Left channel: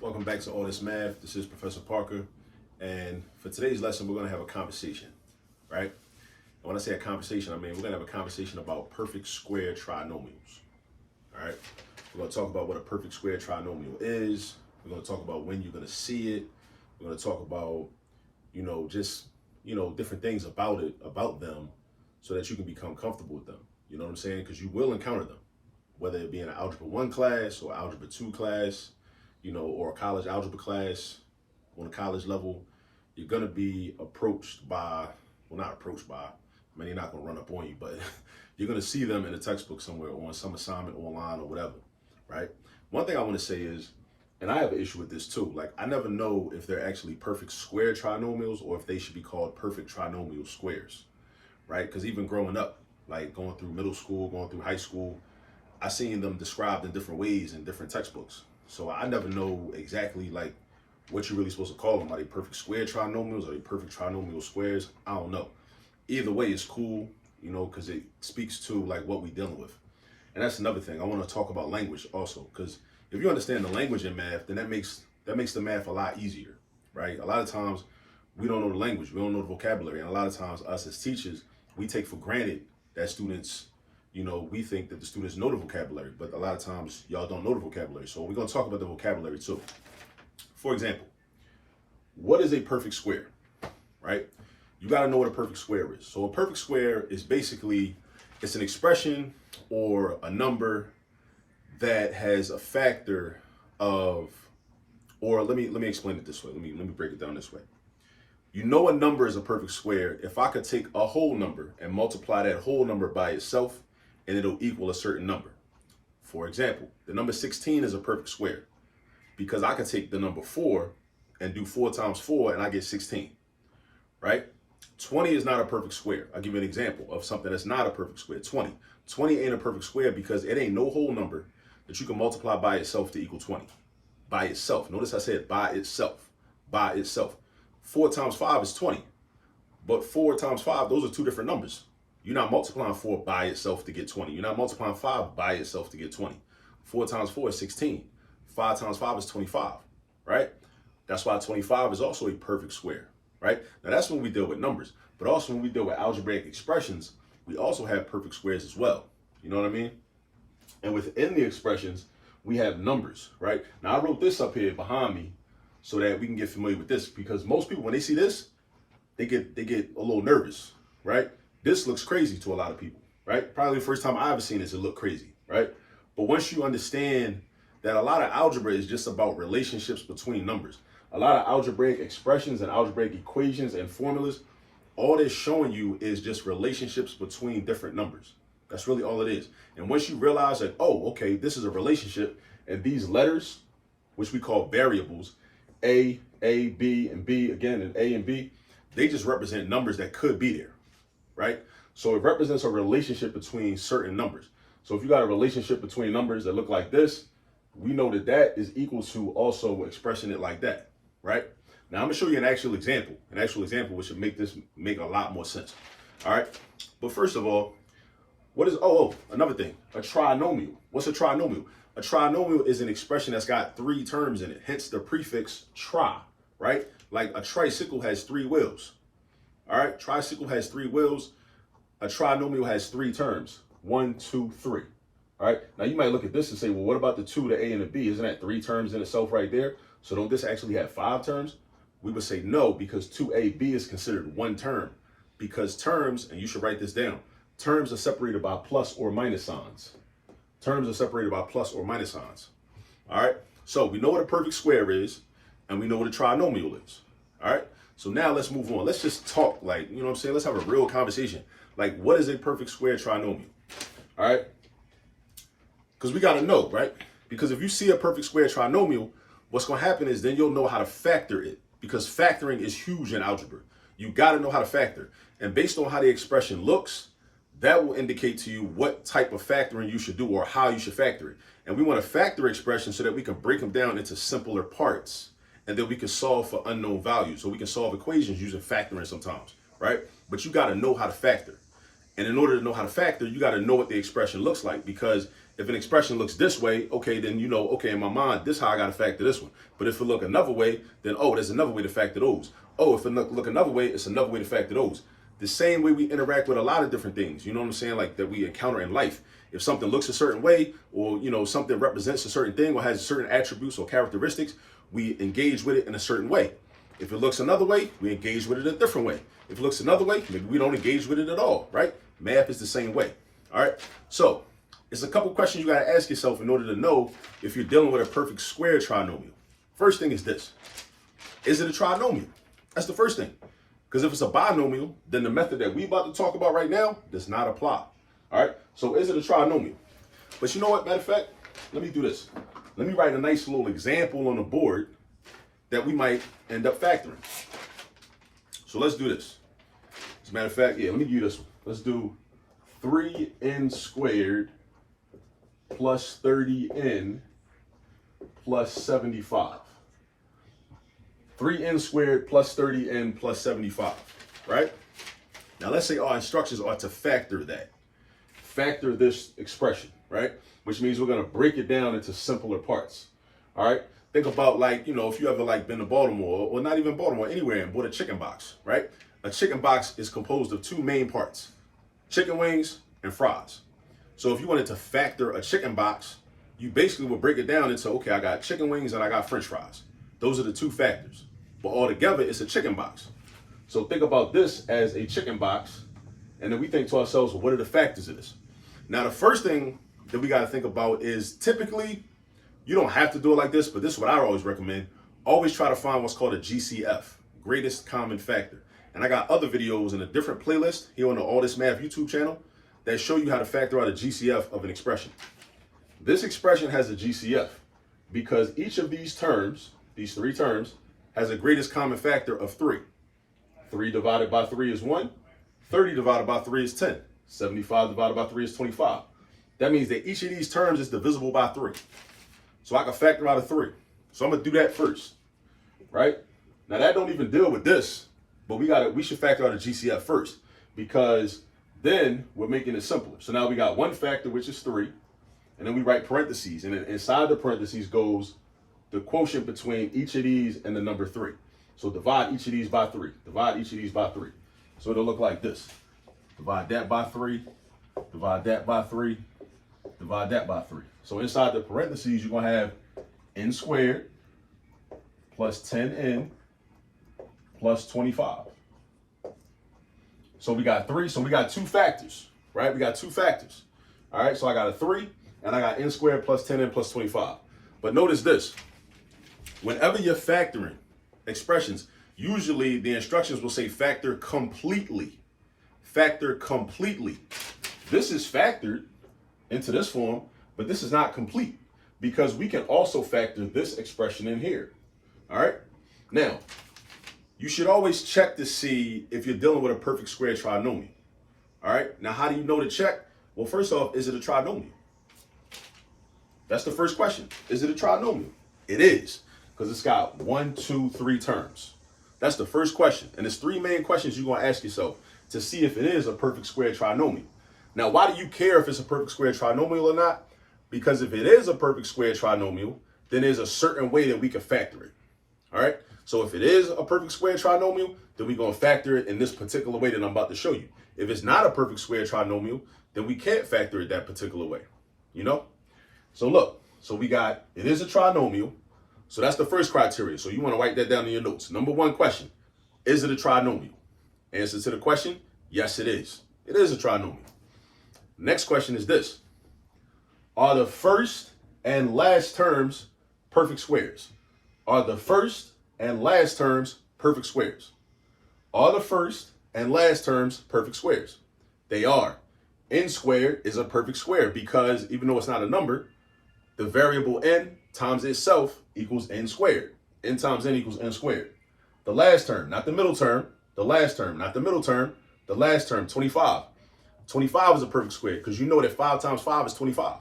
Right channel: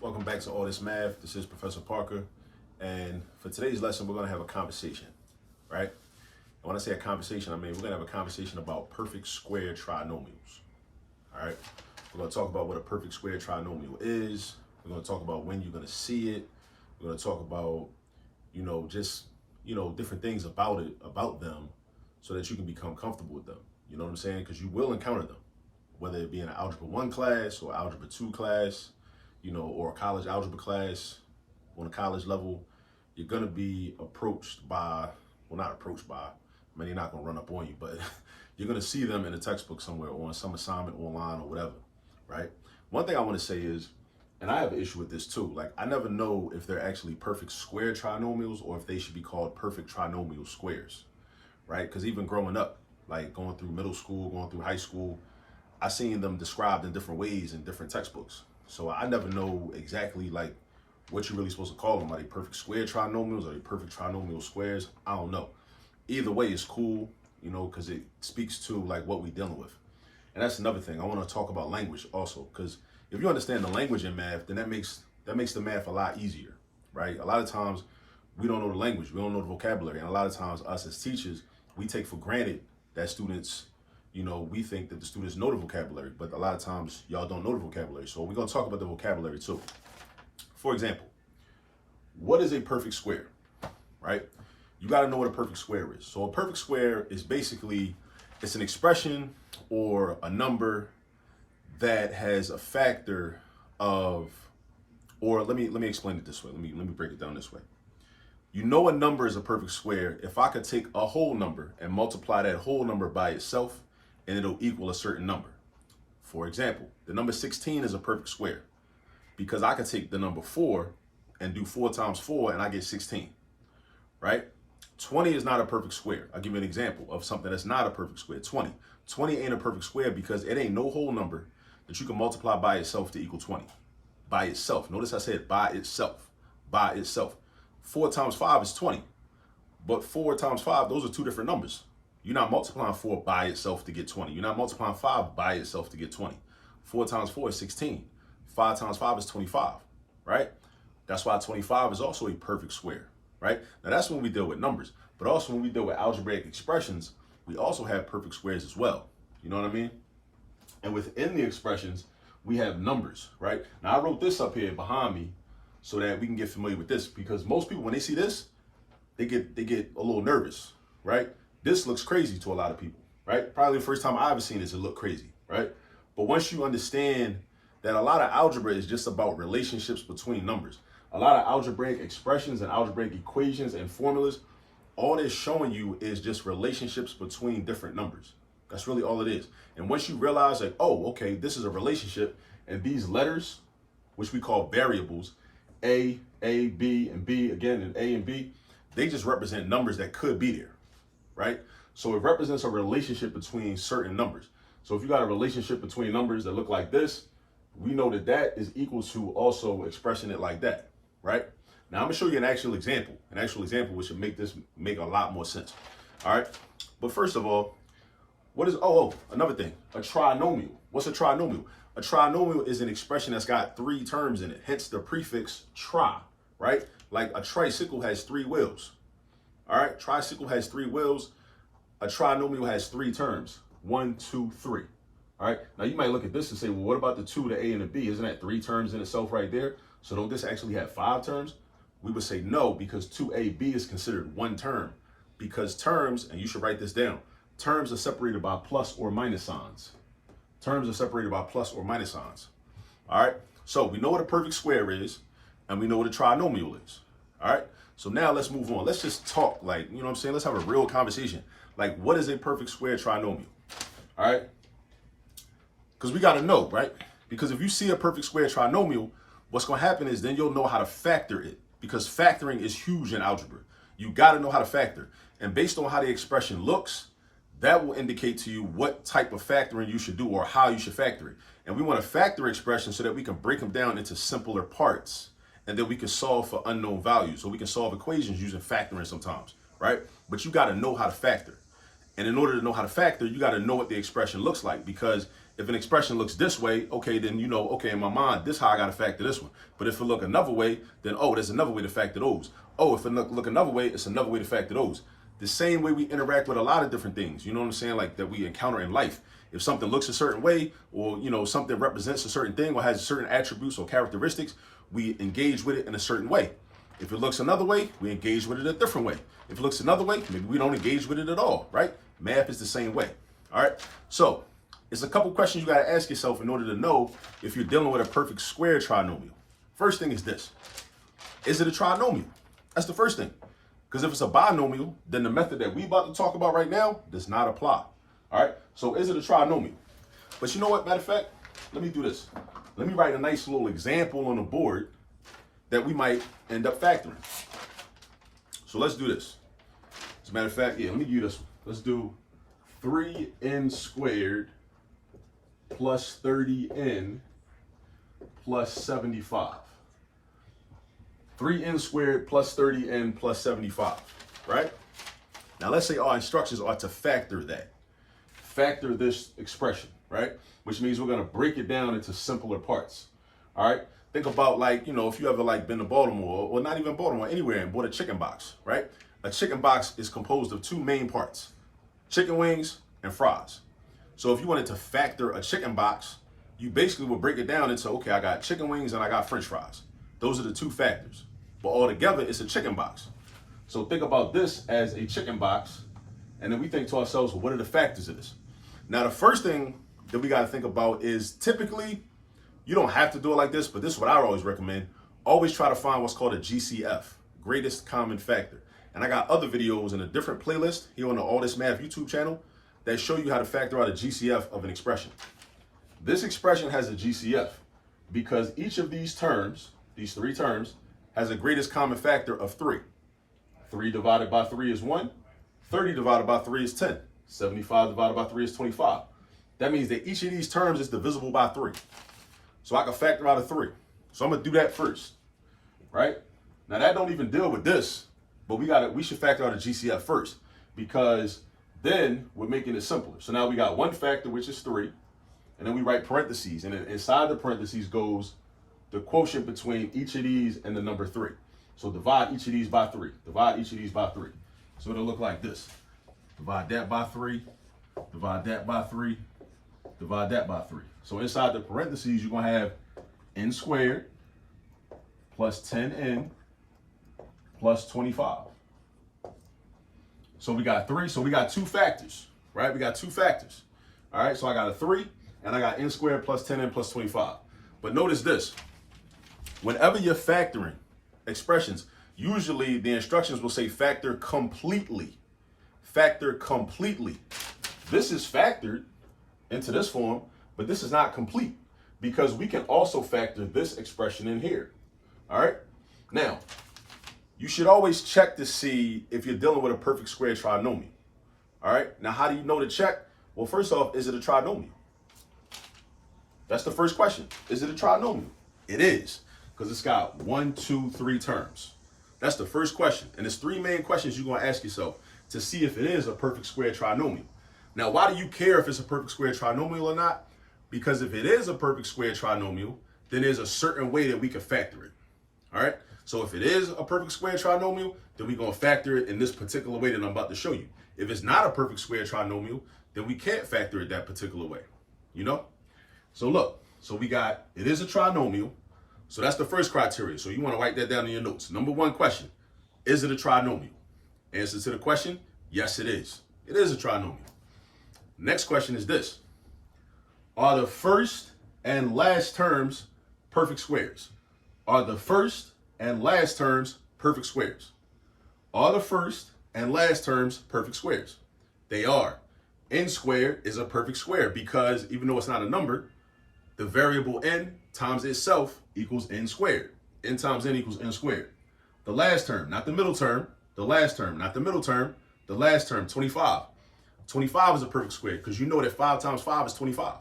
Welcome back to All This Math. This is Professor Parker. And for today's lesson, we're going to have a conversation, right? And when I say a conversation, I mean we're going to have a conversation about perfect square trinomials, all right? We're going to talk about what a perfect square trinomial is. We're going to talk about when you're going to see it. We're going to talk about, different things about them so that you can become comfortable with them. You know what I'm saying? Because you will encounter them, whether it be in an Algebra 1 class or Algebra 2 class, or a college algebra class on a college level. You're going to be approached by, not approached by, they're not going to run up on you, but you're going to see them in a textbook somewhere or on some assignment online or whatever, right? One thing I want to say is, and I have an issue with this too, like I never know if they're actually perfect square trinomials or if they should be called perfect trinomial squares, right? Because even growing up, like going through middle school, going through high school, I seen them described in different ways in different textbooks. So I never know exactly like what you're really supposed to call them. Are they perfect square trinomials? Are they perfect trinomial squares? I don't know. Either way is cool, because it speaks to like what we're dealing with. And that's another thing. I want to talk about language also, because if you understand the language in math, then that makes the math a lot easier, right? A lot of times we don't know the language, we don't know the vocabulary, and a lot of times us as teachers, we take for granted that students, we think that the students know the vocabulary, but a lot of times y'all don't know the vocabulary. So we're going to talk about the vocabulary too. For example, what is a perfect square, right? You got to know what a perfect square is. So a perfect square is basically, it's an expression or a number that has a factor of, or let me explain it this way. Let me break it down this way. You know a number is a perfect square if I could take a whole number and multiply that whole number by itself, and it'll equal a certain number. For example, the number 16 is a perfect square because I can take the number 4 and do 4 times 4 and I get 16, right? 20 is not a perfect square. I'll give you an example of something that's not a perfect square. 20 ain't a perfect square because it ain't no whole number that you can multiply by itself to equal 20. By itself. Notice I said by itself. By itself. 4 times 5 is 20. But 4 times 5, those are two different numbers. You're not multiplying 4 by itself to get 20. You're not multiplying 5 by itself to get 20. 4 times 4 is 16. 5 times 5 is 25, right? That's why 25 is also a perfect square, right? Now that's when we deal with numbers. But also when we deal with algebraic expressions, we also have perfect squares as well. You know what I mean? And within the expressions, we have numbers, right? Now I wrote this up here behind me so that we can get familiar with this, because most people, when they see this, they get a little nervous, right? This looks crazy to a lot of people, right? Probably the first time I ever seen this, it looked crazy, right? But once you understand that a lot of algebra is just about relationships between numbers, a lot of algebraic expressions and algebraic equations and formulas, all it's showing you is just relationships between different numbers. That's really all it is. And once you realize like, oh, okay, this is a relationship, and these letters, which we call variables, A, B, and B again, and A and B, they just represent numbers that could be there, right? So it represents a relationship between certain numbers. So if you got a relationship between numbers that look like this, we know that that is equal to also expressing it like that, right? Now I'm gonna show you an actual example which should make this make a lot more sense. All right, but first of all, what is, another thing, a trinomial. What's a trinomial? A trinomial is an expression that's got 3 terms in it, hence the prefix tri, right? Like a tricycle has 3 wheels, all right? Tricycle has 3 wheels. A trinomial has 3 terms, 1, 2, 3, all right? Now you might look at this and say, well, what about the 2, the A and the B? Isn't that 3 terms in itself right there? So don't this actually have 5 terms? We would say no, because 2AB is considered 1 term, because terms, and you should write this down, terms are separated by plus or minus signs. Terms are separated by plus or minus signs. All right. So we know what a perfect square is, and we know what a trinomial is. All right. So now let's move on. Let's just talk, like, you know what I'm saying? Let's have a real conversation. Like, what is a perfect square trinomial? All right. Because we got to know, right? Because if you see a perfect square trinomial, what's going to happen is then you'll know how to factor it, because factoring is huge in algebra. You got to know how to factor. And based on how the expression looks, that will indicate to you what type of factoring you should do or how you should factor it. And we want to factor expressions so that we can break them down into simpler parts, and then we can solve for unknown values. So we can solve equations using factoring sometimes, right? But you got to know how to factor. And in order to know how to factor, you got to know what the expression looks like, because if an expression looks this way, okay, then you know, okay, in my mind, this is how I got to factor this one. But if it look another way, then, oh, there's another way to factor those. Oh, if it look another way, it's another way to factor those. The same way we interact with a lot of different things, you know what I'm saying? Like that we encounter in life. If something looks a certain way, or, you know, something represents a certain thing or has certain attributes or characteristics, we engage with it in a certain way. If it looks another way, we engage with it a different way. If it looks another way, maybe we don't engage with it at all, right? Math is the same way, all right? So it's a couple questions you got to ask yourself in order to know if you're dealing with a perfect square trinomial. First thing is this. Is it a trinomial? That's the first thing. Because if it's a binomial, then the method that we about to talk about right now does not apply, all right? So is it a trinomial? But you know what, matter of fact, let me do this. Let me write a nice little example on the board that we might end up factoring. So let's do this. As a matter of fact, yeah, let me give you this one. Let's do 3n squared plus 30n plus 75. 3n squared plus 30n plus 75, right? Now let's say our instructions are to factor that. Factor this expression, right? Which means we're gonna break it down into simpler parts, all right? Think about, like, you know, if you ever like been to Baltimore, or not even Baltimore, anywhere, and bought a chicken box, right? A chicken box is composed of two main parts, chicken wings and fries. So if you wanted to factor a chicken box, you basically would break it down into, okay, I got chicken wings and I got French fries. Those are the two factors, but all together it's a chicken box. So think about this as a chicken box, and then we think to ourselves, well, what are the factors of this? Now, the first thing that we got to think about is, typically, you don't have to do it like this, but this is what I always recommend. Always try to find what's called a GCF, greatest common factor. And I got other videos in a different playlist here on the All This Math YouTube channel that show you how to factor out a GCF of an expression. This expression has a GCF because each of these terms, these three terms, has a greatest common factor of 3. 3 divided by 3 is 1. 30 divided by 3 is 10. 75 divided by 3 is 25. That means that each of these terms is divisible by 3. So I can factor out a 3. So I'm gonna do that first, right? Now that don't even deal with this, but we should factor out a GCF first, because then we're making it simpler. So now we got one factor, which is 3, and then we write parentheses, and then inside the parentheses goes the quotient between each of these and the number 3. So divide each of these by 3. Divide each of these by 3. So it'll look like this. Divide that by 3. Divide that by 3. Divide that by 3. So inside the parentheses, you're going to have n squared plus 10n plus 25. So we got 3. So we got two factors, right? We got two factors. All right. So I got a 3 and I got n squared plus 10n plus 25. But notice this. Whenever you're factoring expressions, usually the instructions will say factor completely. Factor completely. This is factored into this form, but this is not complete because we can also factor this expression in here. All right. Now, you should always check to see if you're dealing with a perfect square trinomial. All right. Now, how do you know to check? Well, first off, is it a trinomial? That's the first question. Is it a trinomial? It is, because it's got 1, 2, 3 terms. That's the first question. And there's 3 main questions you're going to ask yourself to see if it is a perfect square trinomial. Now, why do you care if it's a perfect square trinomial or not? Because if it is a perfect square trinomial, then there's a certain way that we can factor it. All right. So if it is a perfect square trinomial, then we're going to factor it in this particular way that I'm about to show you. If it's not a perfect square trinomial, then we can't factor it that particular way, you know? So look, so we got, it is a trinomial. So that's the first criteria. So you want to write that down in your notes. Number 1 question, is it a trinomial? Answer to the question, yes, it is. It is a trinomial. Next question is this. Are the first and last terms perfect squares? Are the first and last terms perfect squares? Are the first and last terms perfect squares? They are. N squared is a perfect square because even though it's not a number, the variable n times itself equals n squared. N times n equals n squared. The last term, not the middle term, the last term, not the middle term, the last term, 25. 25 is a perfect square because you know that 5 times 5 is 25,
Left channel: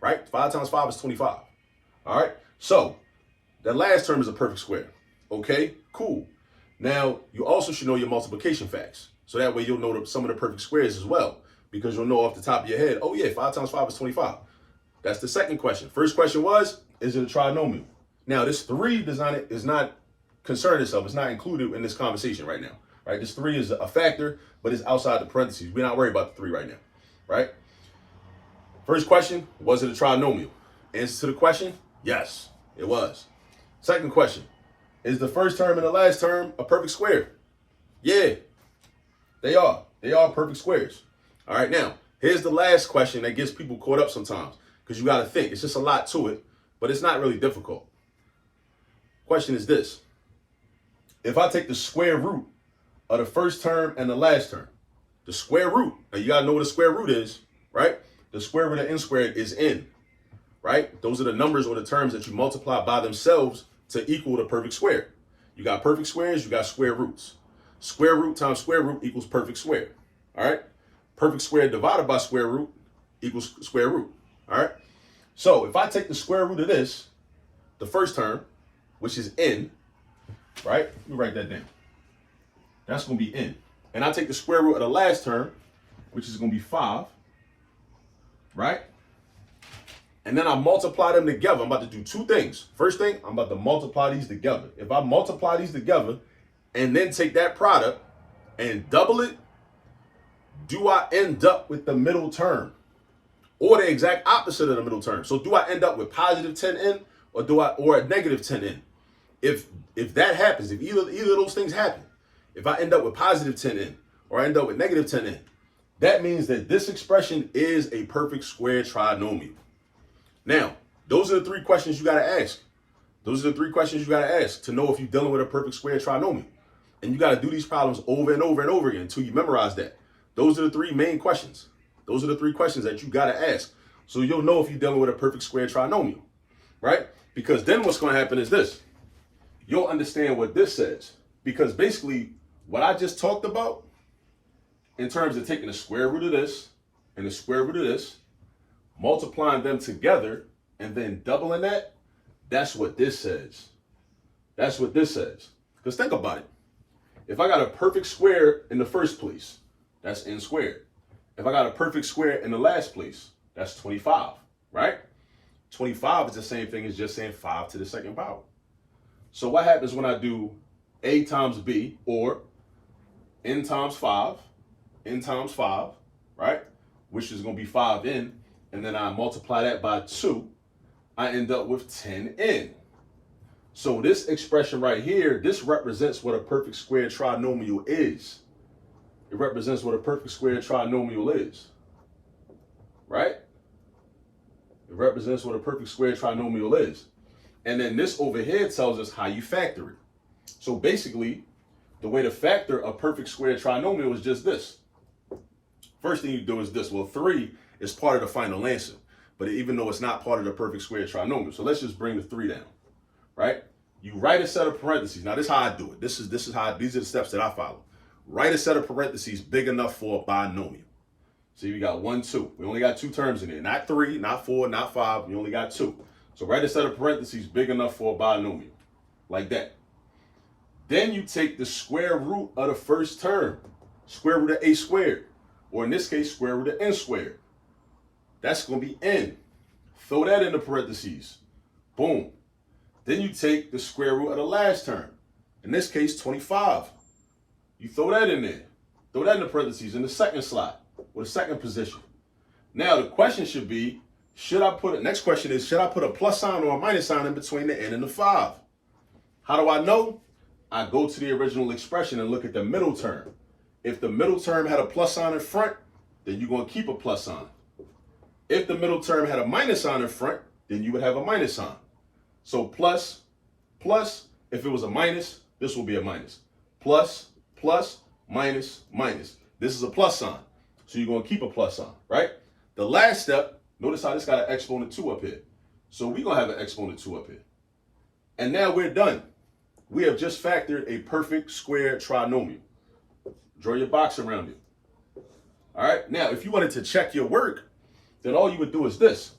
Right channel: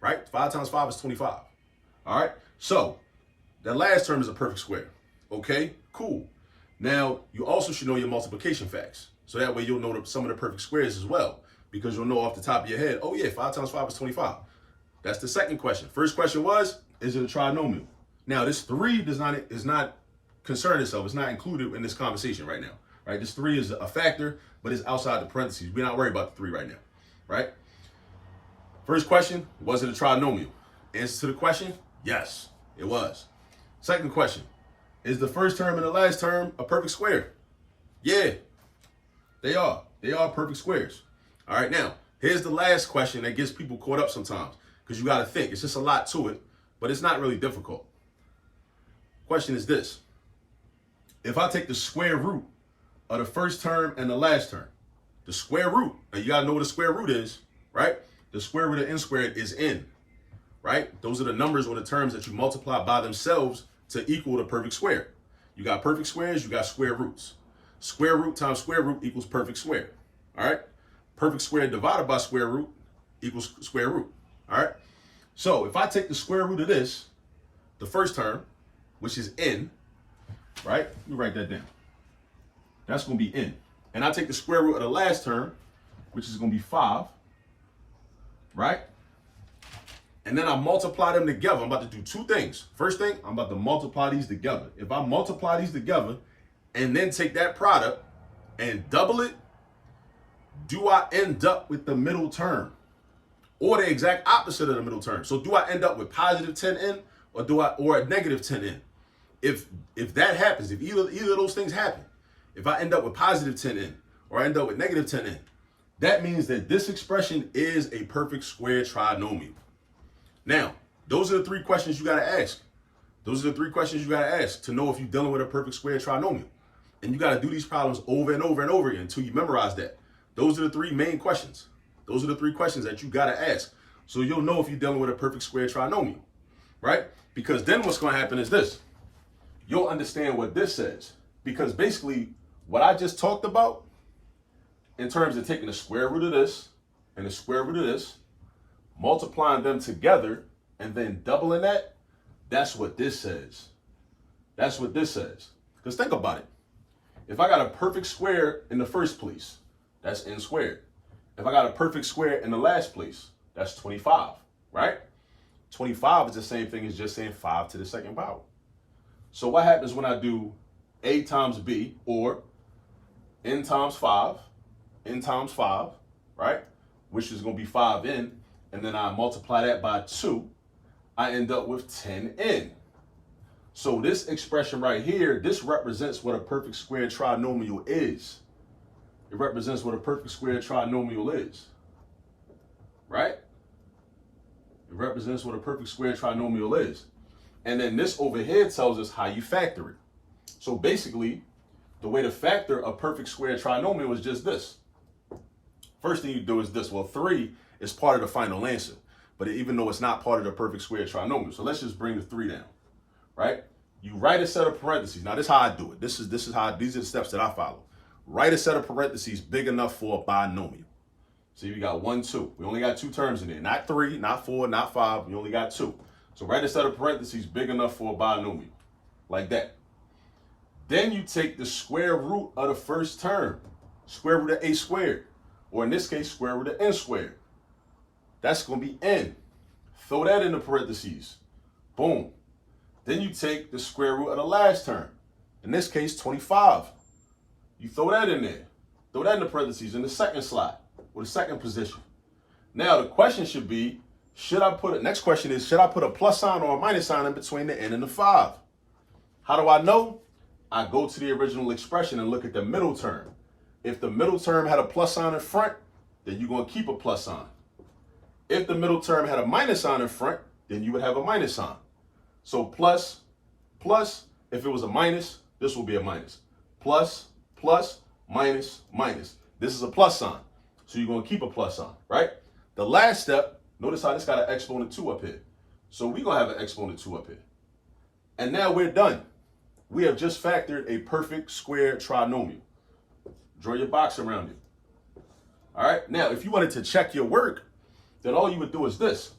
right? 5 times 5 is 25. All right. So the last term is a perfect square. Okay, cool. Now you also should know your multiplication facts. So that way you'll know some of the perfect squares as well, because you'll know off the top of your head, oh yeah, 5 times 5 is 25. That's the second question. First question was, is it a trinomial? Now, this 3 is not concerned itself. It's not included in this conversation right now, right? This 3 is a factor, but it's outside the parentheses. We're not worried about the 3 right now, right? First question, was it a trinomial? Answer to the question, yes, it was. Second question, is the first term and the last term a perfect square? Yeah, they are. They are perfect squares. All right, now, here's the last question that gets people caught up sometimes because you got to think. It's just a lot to it, but it's not really difficult. Question is this. If I take the square root of the first term and the last term, the square root, now you got to know what a square root is, right? The square root of n squared is n, right? Those are the numbers or the terms that you multiply by themselves to equal the perfect square. You got perfect squares, you got square roots. Square root times square root equals perfect square, all right? Perfect square divided by square root equals square root, all right? So if I take the square root of this, the first term, which is n, right? Let me write that down. That's going to be n. And I take the square root of the last term, which is going to be 5, right? And then I multiply them together. I'm about to do 2 things. First thing, I'm about to multiply these together. If I multiply these together and then take that product and double it, do I end up with the middle term or the exact opposite of the middle term? So do I end up with positive 10n or a negative 10n? If that happens, if either of those things happen, if I end up with positive 10n or I end up with negative 10n, that means that this expression is a perfect square trinomial. Now, those are the 3 questions you got to ask. Those are the 3 questions you got to ask to know if you're dealing with a perfect square trinomial. And you got to do these problems over and over and over again until you memorize that. Those are the 3 main questions. Those are the 3 questions that you got to ask. So you'll know if you're dealing with a perfect square trinomial, right? Because then what's going to happen is this. You'll understand what this says. Because basically, what I just talked about in terms of taking the square root of this and the square root of this, multiplying them together, and then doubling that, that's what this says. That's what this says. Because think about it. If I got a perfect square in the first place, that's n squared. If I got a perfect square in the last place, that's 25, right? 25 is the same thing as just saying 5 to the second power. So what happens when I do a times b, or n times 5, right? Which is going to be 5n, and then I multiply that by 2, I end up with 10n. So this expression right here, this represents what a perfect square trinomial is. It represents what a perfect square trinomial is, right? It represents what a perfect square trinomial is. And then this over here tells us how you factor it. So basically, the way to factor a perfect square trinomial is just this. First thing you do is this. Well, 3 is part of the final answer, but even though it's not part of the perfect square trinomial. So let's just bring the 3 down, right? You write a set of parentheses. Now, this is how I do it. These are the steps that I follow. Write a set of parentheses big enough for a binomial. So you got 1, 2. We only got 2 terms in there. Not 3, not 4, not 5. We only got 2. So write a set of parentheses big enough for a binomial, like that. Then you take the square root of the first term, square root of a squared, or in this case, square root of n squared. That's going to be n. Throw that in the parentheses. Boom. Then you take the square root of the last term, in this case, 25. You throw that in there. Throw that in the parentheses in the second slot, or the second position. Now, the question should be, next question is, should I put a plus sign or a minus sign in between the n and the 5? How do I know? I go to the original expression and look at the middle term. If the middle term had a plus sign in front, then you're going to keep a plus sign. If the middle term had a minus sign in front, then you would have a minus sign. So plus, if it was a minus, this will be a minus. Plus, minus, minus. This is a plus sign. So you're going to keep a plus sign, right? The last step, notice how this got an exponent 2 up here. So we're going to have an exponent 2 up here. And now we're done. We have just factored a perfect square trinomial. Draw your box around it. All right. Now, if you wanted to check your work, then all you would do is this.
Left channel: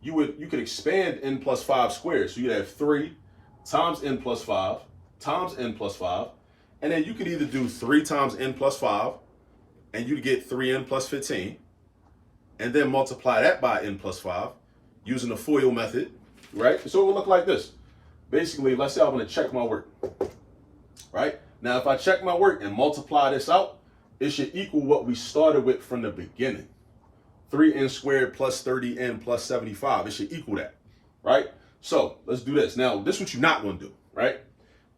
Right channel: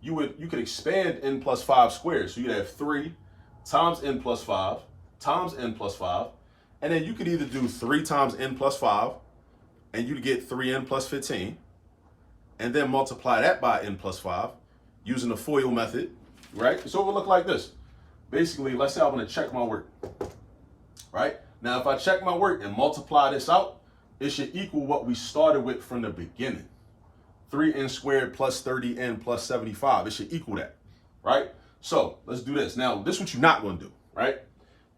You could expand n plus 5 squared. So you'd have 3 times n plus 5 times n plus 5. And then you could either do 3 times n plus 5, and you'd get 3n plus 15. And then multiply that by n plus 5. using the FOIL method, right? So it would look like this. Basically, let's say I want to check my work, right? Now, if I check my work and multiply this out, it should equal what we started with from the beginning. 3n squared plus 30n plus 75. It should equal that, right? So let's do this. Now, this is what you're not going to do, right?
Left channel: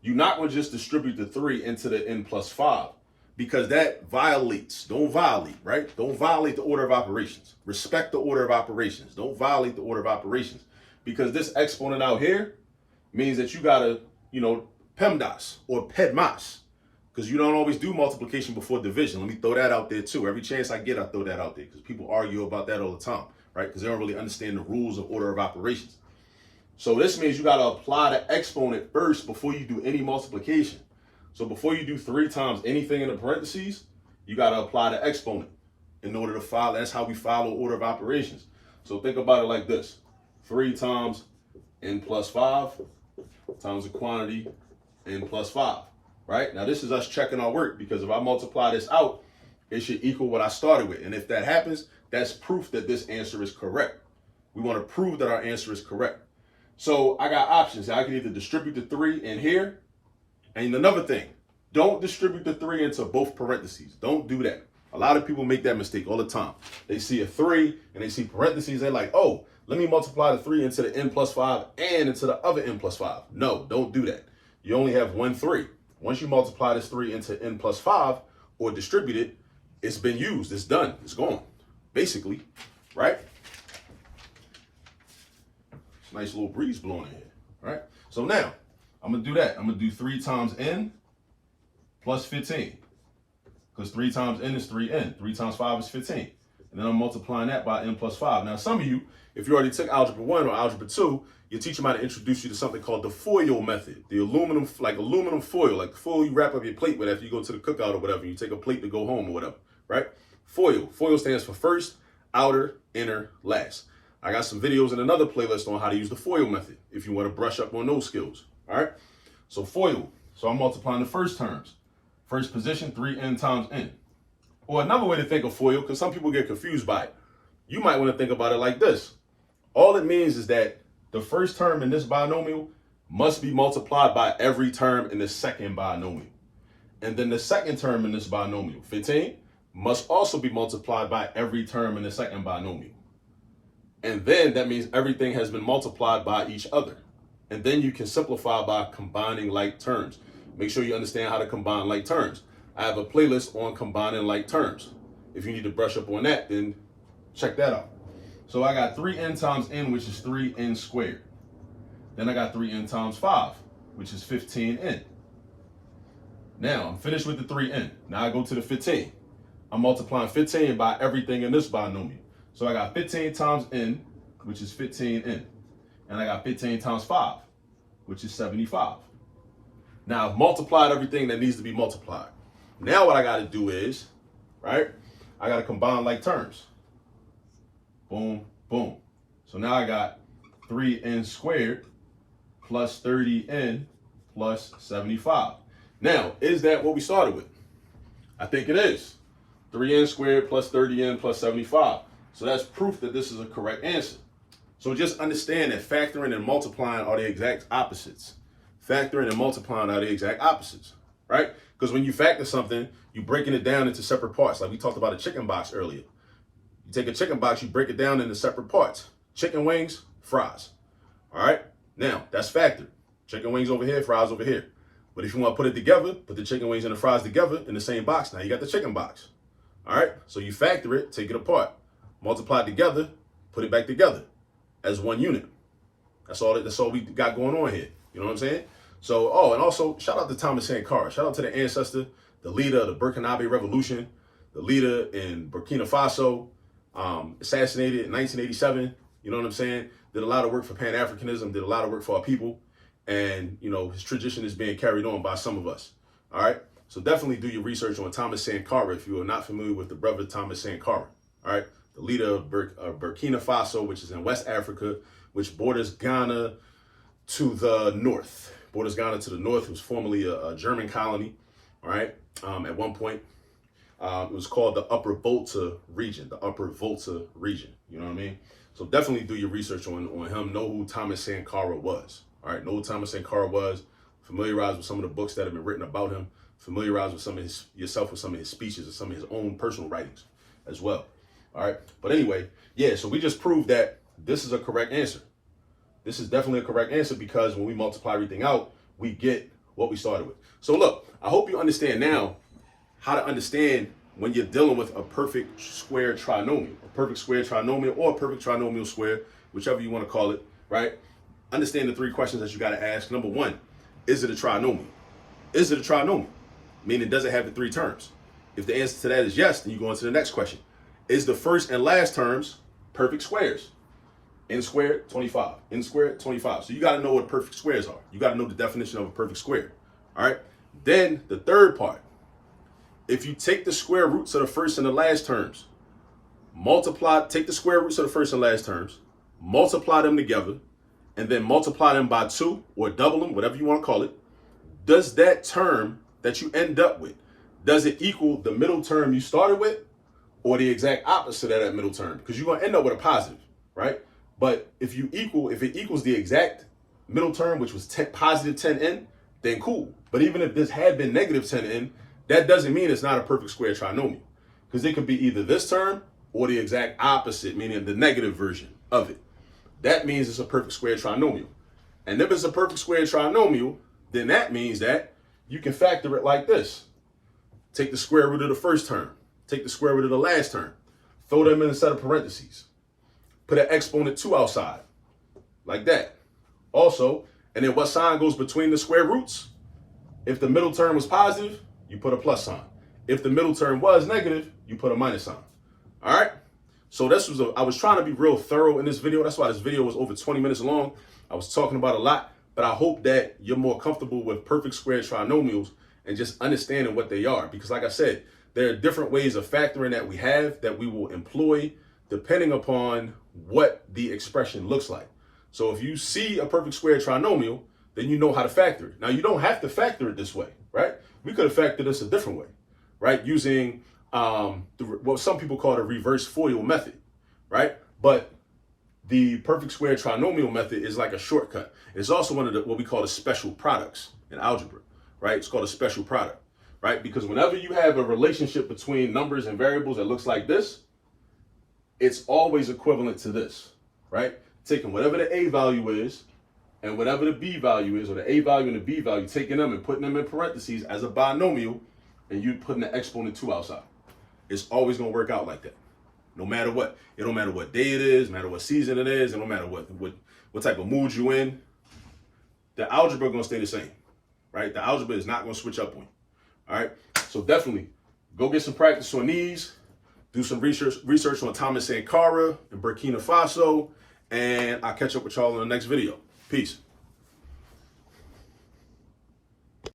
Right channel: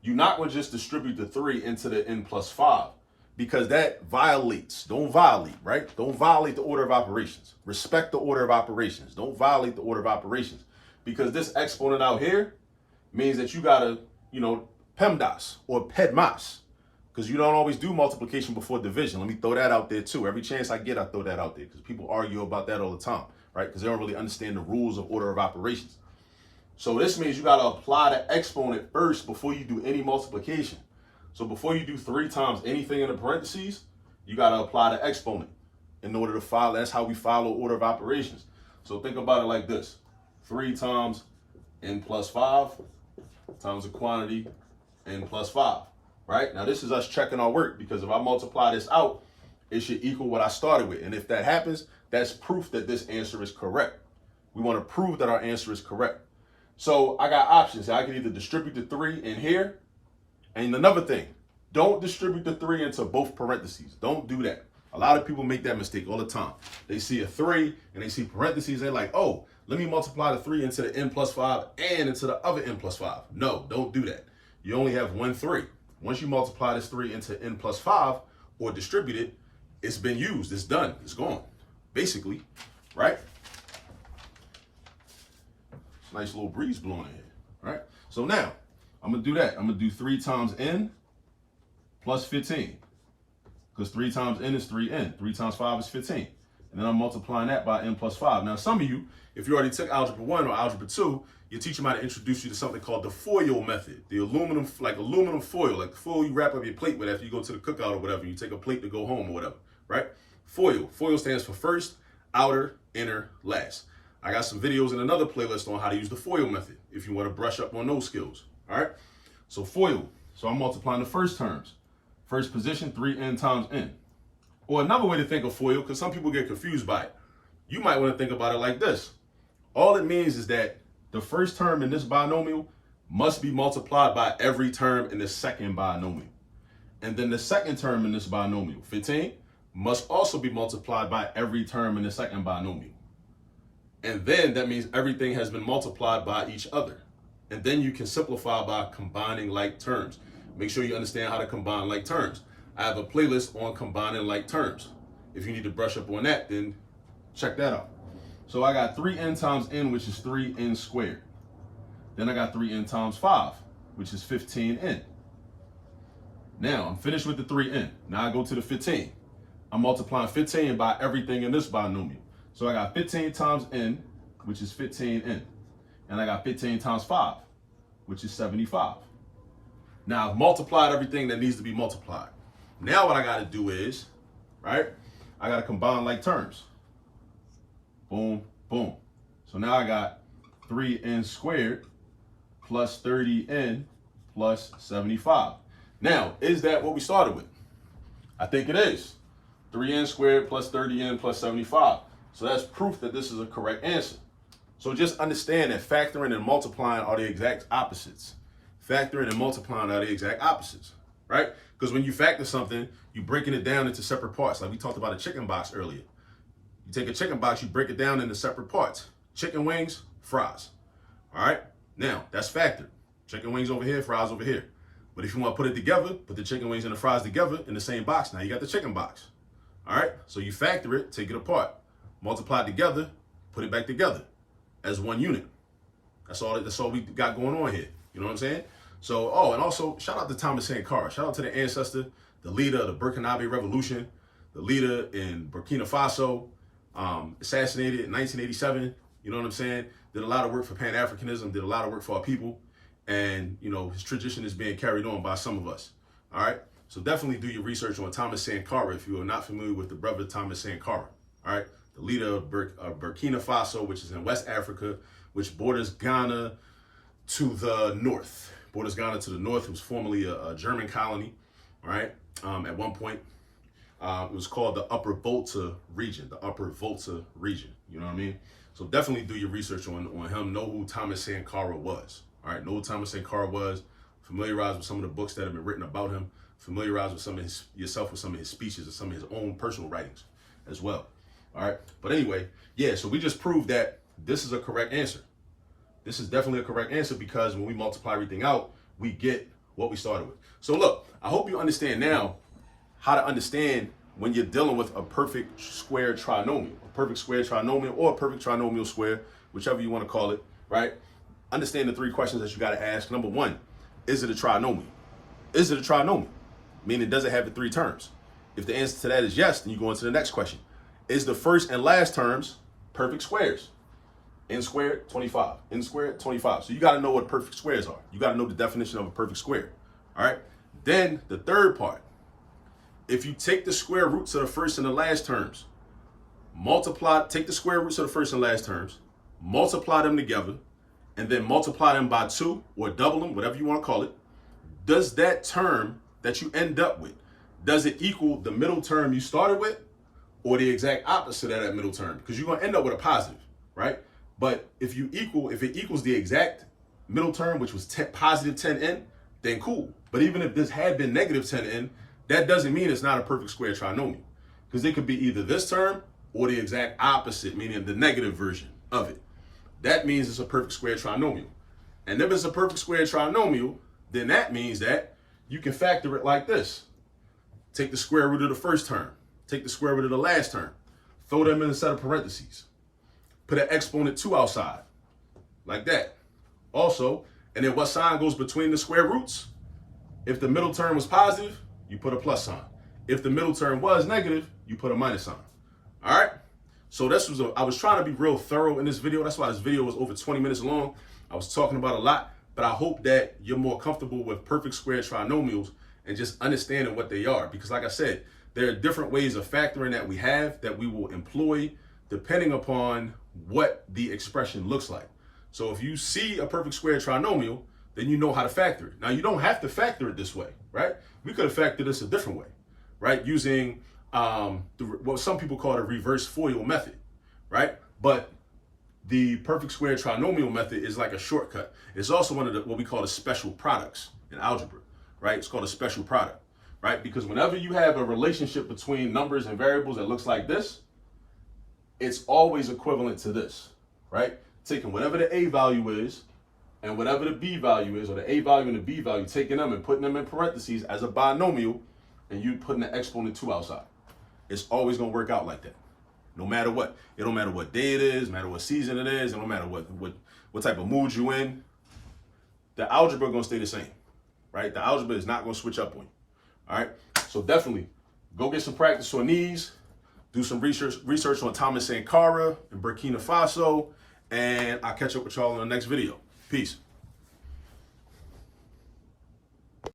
You're not going to just distribute the 3 into the n plus 5 because that violates. Don't violate, right? Don't violate the order of operations. Respect the order of operations. Don't violate the order of operations because this exponent out here means that you got to, PEMDAS or PEDMAS, because you don't always do multiplication before division. Let me throw that out there too. Every chance I get, I throw that out there because people argue about that all the time, right? Because they don't really understand the rules of order of operations. So this means you got to apply the exponent first before you do any multiplication. So before you do 3 times anything in the parentheses, you got to apply the exponent in order to follow. That's how we follow order of operations. So think about it like this. 3 times n plus 5 times the quantity n plus 5. Right? Now, this is us checking our work because if I multiply this out, it should equal what I started with. And if that happens, that's proof that this answer is correct. We want to prove that our answer is correct. So I got options. I can either distribute the 3 in here. And another thing, don't distribute the 3 into both parentheses. Don't do that. A lot of people make that mistake all the time. They see a 3 and they see parentheses. They're like, oh, let me multiply the 3 into the n plus 5 and into the other n plus 5. No, don't do that. You only have one 3. Once you multiply this 3 into n plus 5 or distribute it, it's been used. It's done. It's gone. Basically, right? Nice little breeze blowing in here, right? So now, I'm going to do that. I'm going to do 3 times n plus 15. Because 3 times n is 3n. 3 times 5 is 15. And then I'm multiplying that by n plus 5. Now, some of you, if you already took Algebra 1 or Algebra 2, your teacher might introduce you to something called the FOIL method. The aluminum foil, like the foil you wrap up your plate with after you go to the cookout or whatever. You take a plate to go home or whatever, right? FOIL. FOIL stands for first, outer, inner, last. I got some videos in another playlist on how to use the FOIL method if you want to brush up on those skills, all right? So FOIL. So I'm multiplying the first terms. First position, 3n times n. Or another way to think of FOIL, because some people get confused by it, you might want to think about it like this. All it means is that the first term in this binomial must be multiplied by every term in the second binomial. And then the second term in this binomial, 15, must also be multiplied by every term in the second binomial. And then that means everything has been multiplied by each other. And then you can simplify by combining like terms. Make sure you understand how to combine like terms. I have a playlist on combining like terms. If you need to brush up on that, then check that out. So I got 3n times n, which is 3n squared. Then I got 3n times 5, which is 15n. Now I'm finished with the 3n. Now I go to the 15. I'm multiplying 15 by everything in this binomial. So I got 15 times n, which is 15n. And I got 15 times 5, which is 75. Now I've multiplied everything that needs to be multiplied. Now what I got to do is, right, I got to combine like terms. Boom, boom. So now I got 3n squared plus 30n plus 75. Now, is that what we started with? I think it is. 3n squared plus 30n plus 75. So that's proof that this is a correct answer. So just understand that factoring and multiplying are the exact opposites. Factoring and multiplying are the exact opposites, right? Because when you factor something, you're breaking it down into separate parts. Like we talked about a chicken box earlier. You take a chicken box, you break it down into separate parts. Chicken wings, fries. All right? Now, that's factored. Chicken wings over here, fries over here. But if you want to put it together, put the chicken wings and the fries together in the same box, now you got the chicken box. All right? So you factor it, take it apart, multiply it together, put it back together as one unit. That's all we got going on here. You know what I'm saying? So, oh, and also, shout out to Thomas Sankara. Shout out to the ancestor, the leader of the Burkinabe Revolution, the leader in Burkina Faso, assassinated in 1987. You know what I'm saying? Did a lot of work for Pan-Africanism, did a lot of work for our people. And, you know, his tradition is being carried on by some of us. All right? So definitely do your research on Thomas Sankara if you are not familiar with the brother Thomas Sankara. All right? The leader of Burkina Faso, which is in West Africa, which borders Ghana to the north. Borders Ghana to the north. It was formerly a German colony. All right? At one point, it was called the Upper Volta region. The Upper Volta region. You know what I mean? So definitely do your research on him. Know who Thomas Sankara was. All right, know who Thomas Sankara was. Familiarize with some of the books that have been written about him. Familiarize with yourself with some of his speeches and some of his own personal writings as well. All right, but anyway, yeah. So we just proved that this is a correct answer. This is definitely a correct answer because when we multiply everything out, we get what we started with. So look, I hope you understand now how to understand when you're dealing with a perfect square trinomial, a perfect square trinomial or a perfect trinomial square, whichever you want to call it, right? Understand the 3 questions that you got to ask. Number 1, is it a trinomial? Is it a trinomial? Meaning, does it have the 3 terms? If the answer to that is yes, then you go on to the next question. Is the first and last terms perfect squares? N squared, 25. N squared, 25. So you got to know what perfect squares are. You got to know the definition of a perfect square. All right. Then the third part. If you take the square roots of the first and the last terms, take the square roots of the first and last terms, multiply them together, and then multiply them by 2 or double them, whatever you want to call it, does that term that you end up with, does it equal the middle term you started with or the exact opposite of that middle term? Because you're going to end up with a positive, right? But if it equals the exact middle term, which was positive 10n, then cool. But even if this had been negative 10n, that doesn't mean it's not a perfect square trinomial, because it could be either this term or the exact opposite, meaning the negative version of it. That means it's a perfect square trinomial. And if it's a perfect square trinomial, then that means that you can factor it like this. Take the square root of the first term, take the square root of the last term, throw them in a set of parentheses, put an exponent 2 outside, like that. Also, and then what sign goes between the square roots? If the middle term was positive, you put a plus sign. If the middle term was negative, you put a minus sign. All right? So I was trying to be real thorough in this video. That's why this video was over 20 minutes long. I was talking about a lot, but I hope that you're more comfortable with perfect square trinomials and just understanding what they are. Because like I said, there are different ways of factoring that we will employ depending upon what the expression looks like. So if you see a perfect square trinomial, then you know how to factor it. Now, you don't have to factor it this way, right? We could have factored this a different way, right? Using what some people call the reverse FOIL method, right? But the perfect square trinomial method is like a shortcut. It's also one of what we call the special products in algebra, right? It's called a special product, right? Because whenever you have a relationship between numbers and variables that looks like this, it's always equivalent to this, right? Taking whatever the A value is and whatever the B value is, or the A value and the B value, taking them and putting them in parentheses as a binomial, and you putting the exponent 2 outside. It's always going to work out like that, no matter what. It don't matter what day it is, no matter what season it is, and no matter what type of mood you in. The algebra going to stay the same, right? The algebra is not going to switch up on you, all right? So definitely go get some practice on these. Do some research on Thomas Sankara and Burkina Faso, and I'll catch up with y'all in the next video. Peace.